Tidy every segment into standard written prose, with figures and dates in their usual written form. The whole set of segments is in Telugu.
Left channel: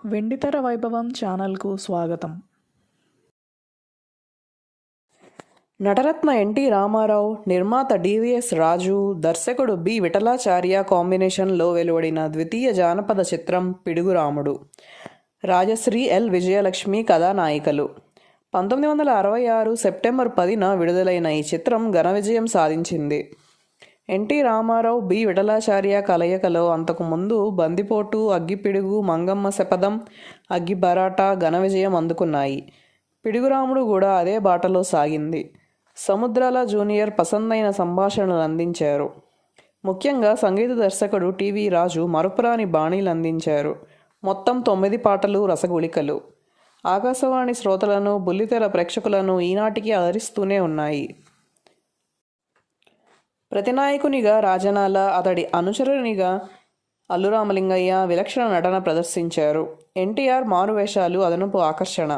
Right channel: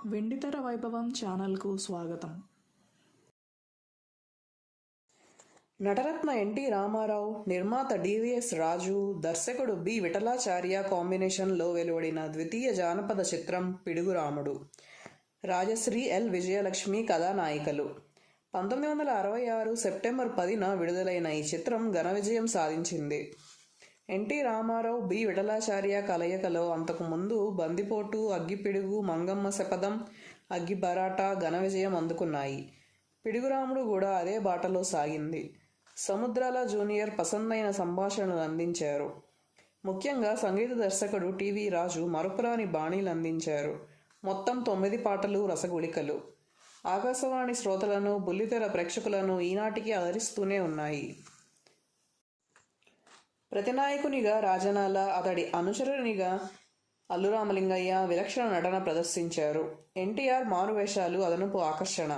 వెండితెర వైభవం ఛానల్కు స్వాగతం. నటరత్న ఎన్టీ రామారావు, నిర్మాత డివిఎస్ రాజు, దర్శకుడు బి విఠలాచార్య కాంబినేషన్లో వెలువడిన ద్వితీయ జానపద చిత్రం పిడుగురాముడు. రాజశ్రీ ఎల్ విజయలక్ష్మి కథానాయికలు. 1966 సెప్టెంబర్ 10న విడుదలైన ఈ చిత్రం ఘన విజయం సాధించింది. ఎన్టీ రామారావు, బి విఠలాచార్య కలయికలో అంతకుముందు బందిపోటు, అగ్గిపిడుగు, మంగమ్మ శపథం, అగ్గిబరాటా ఘన విజయం అందుకున్నాయి. పిడుగురాముడు కూడా అదే బాటలో సాగింది. సముద్రాల జూనియర్ పసందైన సంభాషణలు అందించారు. ముఖ్యంగా సంగీత దర్శకుడు టివి రాజు మరుపురాని బాణీలు అందించారు. మొత్తం 9 పాటలు రసగుళికలు. ఆకాశవాణి శ్రోతలను, బుల్లితెర ప్రేక్షకులను ఈనాటికి అలరిస్తూనే ఉన్నాయి. ప్రతినాయకునిగా రాజనాల, అతడి అనుచరునిగా అల్లురామలింగయ్య విలక్షణ నటన ప్రదర్శించారు. ఎన్టీఆర్ మారువేషాలు అదనపు ఆకర్షణ.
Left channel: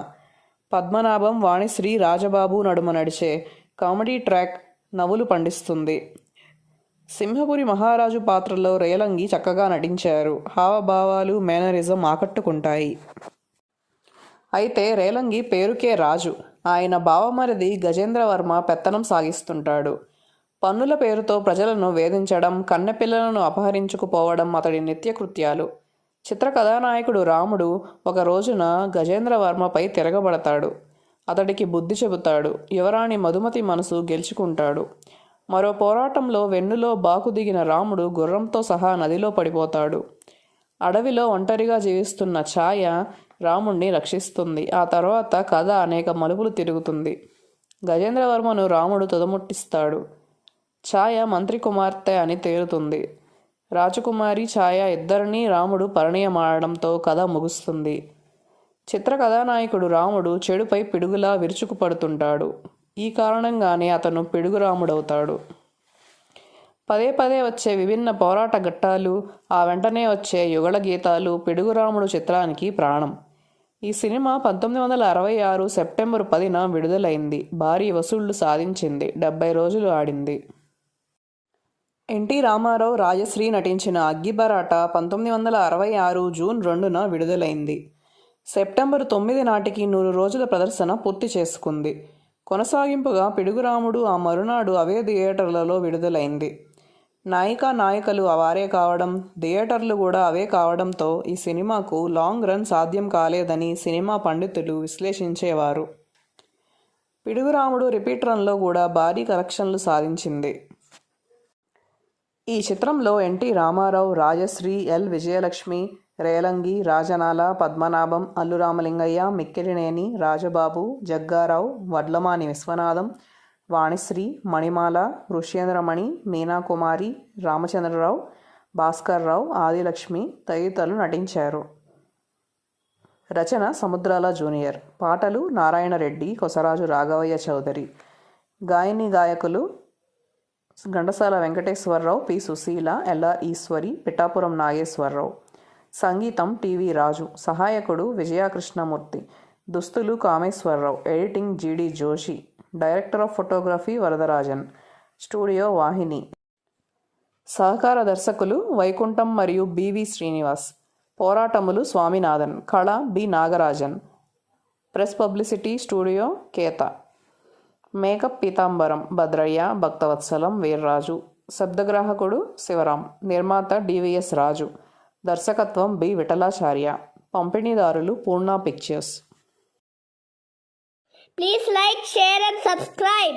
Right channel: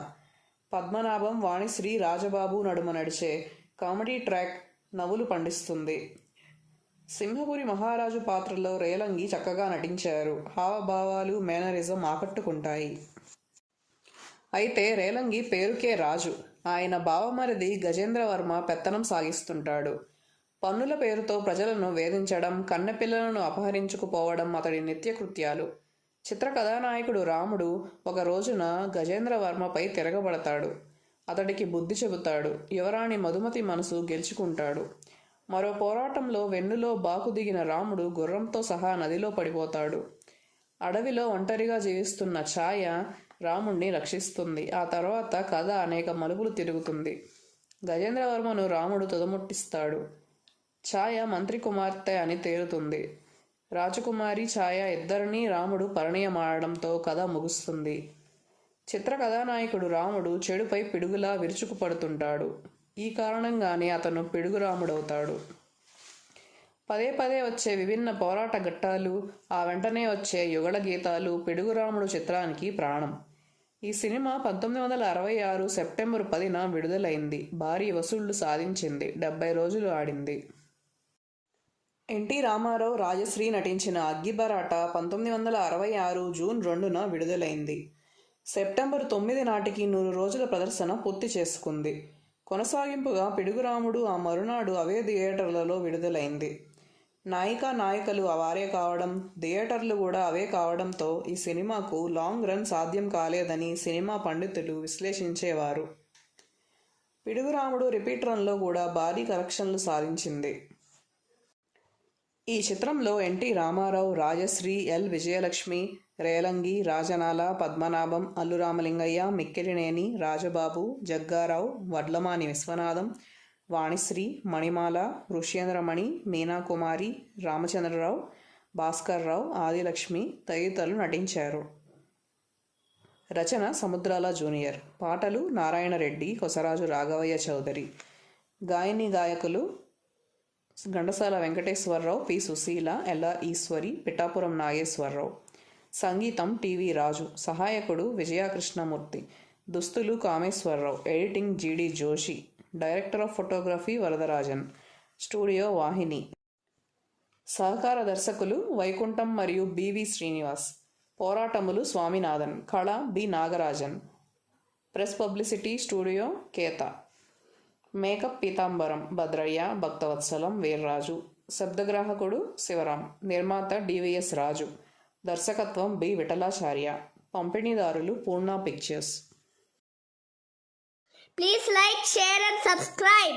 పద్మనాభం, వాణిశ్రీ, రాజబాబు నడుమ నడిచే కామెడీ ట్రాక్ నవ్వులు పండిస్తుంది. సింహపురి మహారాజు పాత్రలో రేలంగి చక్కగా నటించారు. హావభావాలు, మేనరిజం ఆకట్టుకుంటాయి. అయితే రేలంగి పేరుకే రాజు. ఆయన బావమరిది గజేంద్రవర్మ పెత్తనం సాగిస్తుంటాడు. పన్నుల పేరుతో ప్రజలను వేధించడం, కన్నెపిల్లలను అపహరించుకుపోవడం అతడి నిత్యకృత్యాలు. చిత్ర కథానాయకుడు రాముడు ఒక రోజున గజేంద్రవర్మపై తిరగబడతాడు. అతడికి బుద్ధి చెబుతాడు. యువరాణి మధుమతి మనసు గెలుచుకుంటాడు. మరో పోరాటంలో వెన్నులో బాకు దిగిన రాముడు గుర్రంతో సహా నదిలో పడిపోతాడు. అడవిలో ఒంటరిగా జీవిస్తున్న ఛాయ రాముణ్ణి రక్షిస్తుంది. ఆ తర్వాత కథ అనేక మలుపులు తిరుగుతుంది. గజేంద్రవర్మను రాముడు తుదముట్టిస్తాడు. ఛాయ మంత్రి కుమార్తె అని తేలుతుంది. రాజకుమారి ఛాయ ఇద్దరినీ రాముడు పరిణయమాడడంతో కథ ముగుస్తుంది. చిత్ర కథానాయకుడు రాముడు చెడుపై పిడుగులా విరుచుకుపడుతుంటాడు. ఈ కారణంగానే అతను పిడుగురాముడవుతాడు. పదే పదే వచ్చే విభిన్న పోరాట ఘట్టాలు, ఆ వెంటనే వచ్చే యుగళ గీతాలు పిడుగురాముడు చిత్రానికి ప్రాణం. ఈ సినిమా 1966 సెప్టెంబర్ 10న విడుదలైంది. భారీ వసూళ్లు సాధించింది. 70 రోజులు ఆడింది. ఎన్టీ రామారావు, రాజశ్రీ నటించిన అగ్గిబరాటా 1966 జూన్ 2న విడుదలైంది. సెప్టెంబర్ 9 నాటికి 100 రోజుల ప్రదర్శన పూర్తి చేసుకుంది. కొనసాగింపుగా పిడుగురాముడు ఆ మరునాడు అవే థియేటర్లలో విడుదలైంది. నాయికా నాయకులు వారే కావడం, థియేటర్లు కూడా అవే కావడంతో ఈ సినిమాకు లాంగ్ రన్ సాధ్యం కాలేదని సినిమా పండితులు విశ్లేషించేవారు. పిడుగురాముడు రిపీట్ రన్లో కూడా భారీ కలెక్షన్లు సాధించింది. ఈ చిత్రంలో ఎన్టీ రామారావు, రాజశ్రీ ఎల్ విజయలక్ష్మి, రేలంగి, రాజనాల, పద్మనాభం, అల్లురామలింగయ్య, మిక్కిలినేని, రాజబాబు, జగ్గారావు, వడ్లమాని విశ్వనాథం, వాణిశ్రీ, మణిమాల, ఋష్యేంద్రమణి, మీనాకుమారి, రామచంద్రరావు, భాస్కర్రావు, ఆదిలక్ష్మి తదితరులు నటించారు. రచన సముద్రాల జూనియర్. పాటలు నారాయణరెడ్డి, కొసరాజు రాఘవయ్య చౌదరి. గాయని గాయకులు ఘంటసాల వెంకటేశ్వరరావు, పి సుశీల, ఎల్ఆర్ ఈశ్వరి, పిఠాపురం నాగేశ్వరరావు. సంగీతం టివి రాజు. సహాయకుడు విజయకృష్ణమూర్తి. దుస్తులు Kameswara Rao. Editing GD Joshi. Director of photography Varadarajan. Studio Vahini. సహకార దర్శకులు వైకుంఠం మరియు బివి శ్రీనివాస్. పోరాటములు స్వామినాథన్. కళ B Nagarajan. Press publicity studio Ketha. Makeup Peethambaram Bhadraiah, Bhaktavatsalam, Veerraju. శబ్దగ్రాహకుడు శివరాం. నిర్మాత డివిఎస్ రాజు. దర్శకత్వం బి విఠలాచార్య. పంపిణీదారులు Poorna pictures. Please like, share and subscribe.